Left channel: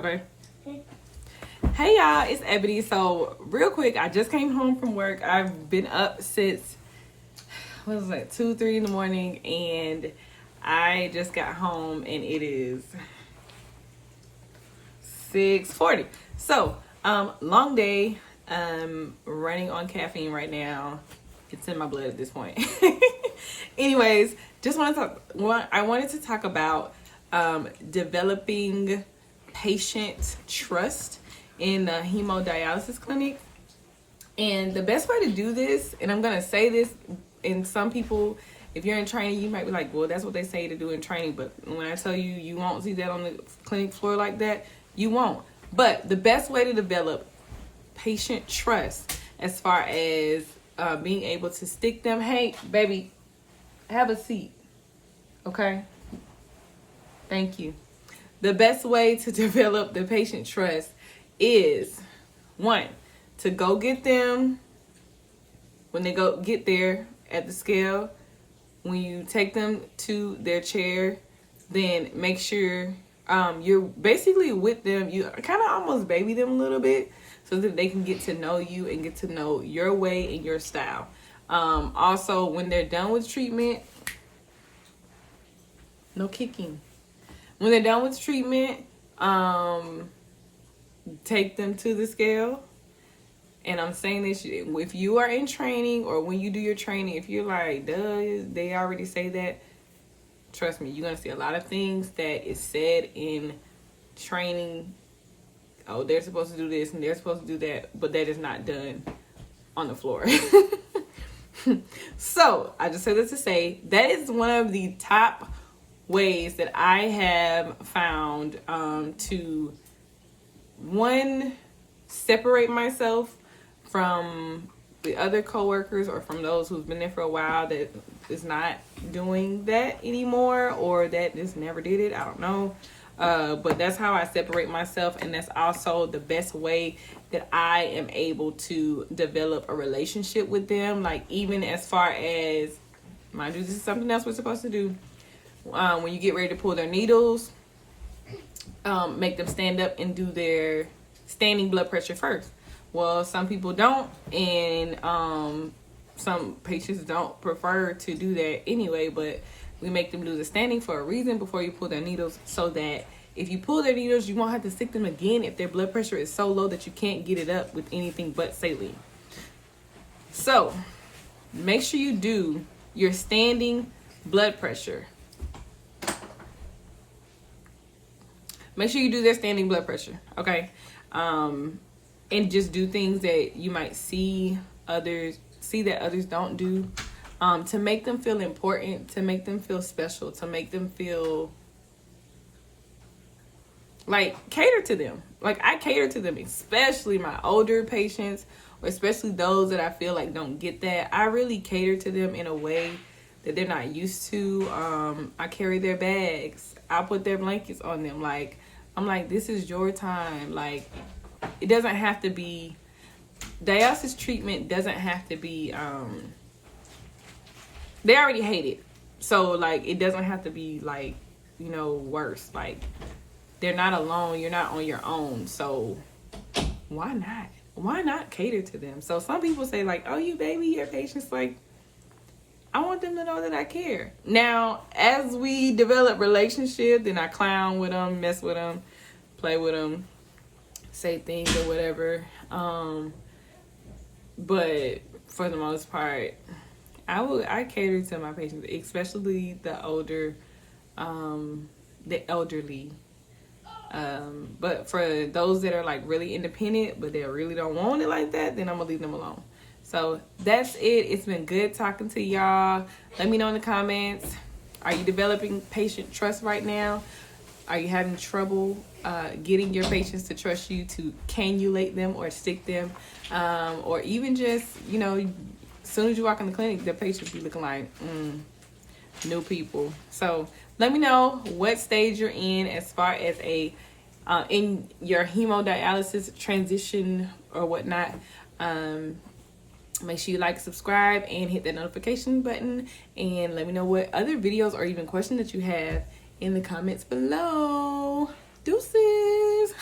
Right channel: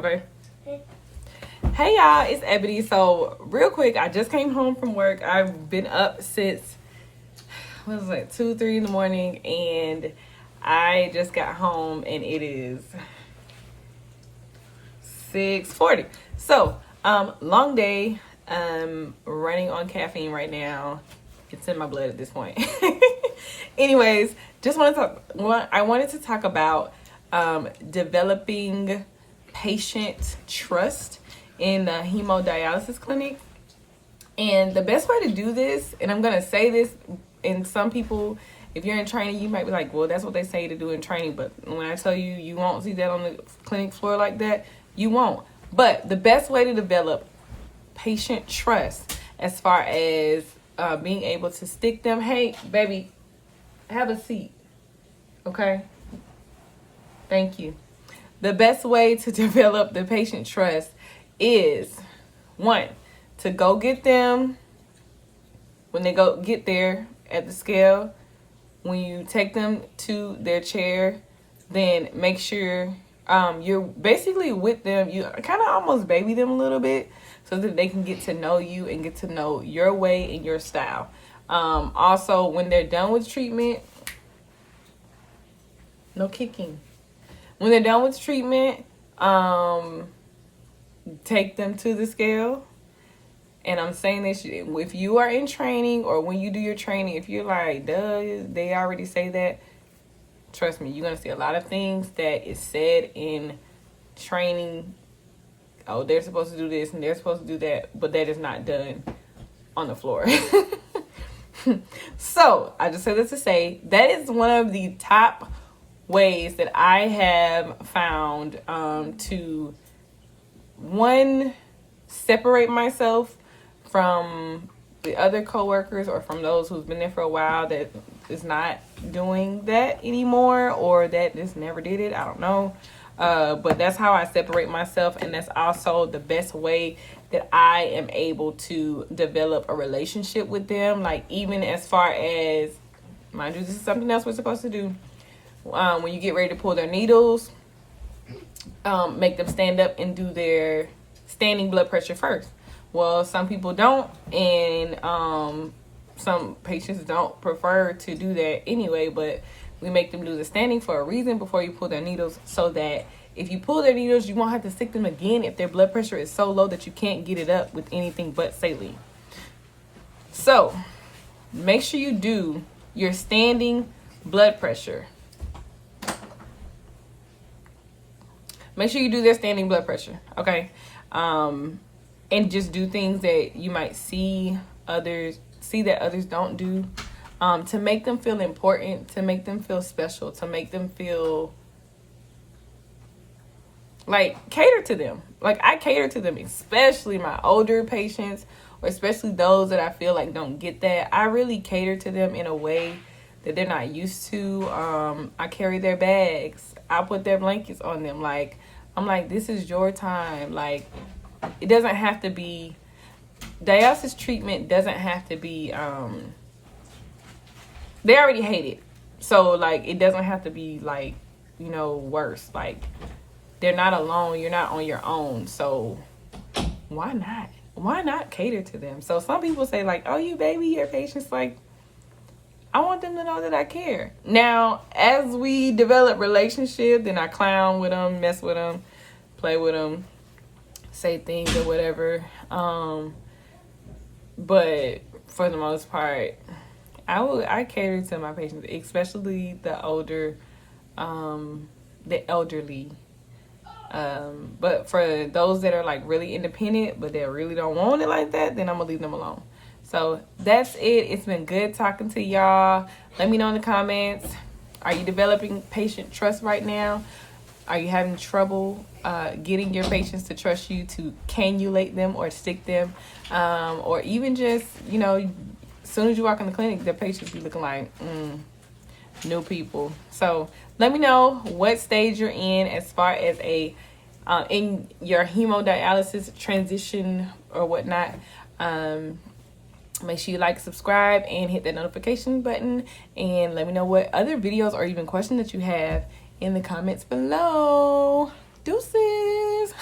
Okay. Hey y'all, it's Ebony. So real quick, I just came home from work. I've been up since 2-3 in the morning, and I just got home and it is 6:40. So long day. Running on caffeine right now. It's in my blood at this point. Anyways, I wanted to talk about developing patient trust in the hemodialysis clinic. And the best way to do this, and I'm going to say this, and some people, if you're in training, you might be like, well, that's what they say to do in training. But when I tell you, you won't see that on the clinic floor like that, you won't. But the best way to develop patient trust as far as being able to stick them, hey, baby, have a seat. Okay? Thank you. The best way to develop the patient trust is, one, to go get them when they get there at the scale. When you take them to their chair, then make sure you're basically with them. You kind of almost baby them a little bit so that they can get to know you and get to know your way and your style. Also, when they're done with treatment, no kicking. When they're done with treatment, take them to the scale. And I'm saying this, if you are in training or when you do your training, if you're like, duh, they already say that, trust me, you're going to see a lot of things that is said in training. Oh, they're supposed to do this and they're supposed to do that, but that is not done on the floor. So I just say this to say that is one of the top ways that I have found to, one, separate myself from the other coworkers or from those who've been there for a while that is not doing that anymore or that just never did it. I don't know. But that's how I separate myself, and that's also the best way that I am able to develop a relationship with them. Like, even as far as, mind you, this is something else we're supposed to do. When you get ready to pull their needles, make them stand up and do their standing blood pressure first. Well, some people don't, and some patients don't prefer to do that anyway, but we make them do the standing for a reason before you pull their needles, so that if you pull their needles, you won't have to stick them again if their blood pressure is so low that you can't get it up with anything but saline. So make sure you do your standing blood pressure. Make sure you do their standing blood pressure, okay? And just do things that you might see that others don't do, to make them feel important, to make them feel special, to make them feel like cater to them. Like, I cater to them, especially my older patients, or especially those that I feel like don't get that. I really cater to them in a way that they're not used to. I carry their bags. I put their blankets on them. Like, I'm like, this is your time. Like, it doesn't have to be, dialysis treatment doesn't have to be, they already hate it. So, like, it doesn't have to be, like, worse. Like, they're not alone. You're not on your own. So, why not? Why not cater to them? So, some people say, like, oh, you baby your patients. Like, I want them to know that I care. Now, as we develop relationship, then I clown with them, mess with them, play with them, say things or whatever. But for the most part, I cater to my patients, especially the older, the elderly. But for those that are like really independent, but they really don't want it like that, then I'm gonna leave them alone. So that's it. It's been good talking to y'all. Let me know in the comments. Are you developing patient trust right now? Are you having trouble getting your patients to trust you to cannulate them or stick them? Or even just, as soon as you walk in the clinic, the patients be looking like, new people. So let me know what stage you're in as far as in your hemodialysis transition or whatnot. Make sure you like, subscribe, and hit that notification button. And let me know what other videos or even questions that you have in the comments below. Deuces.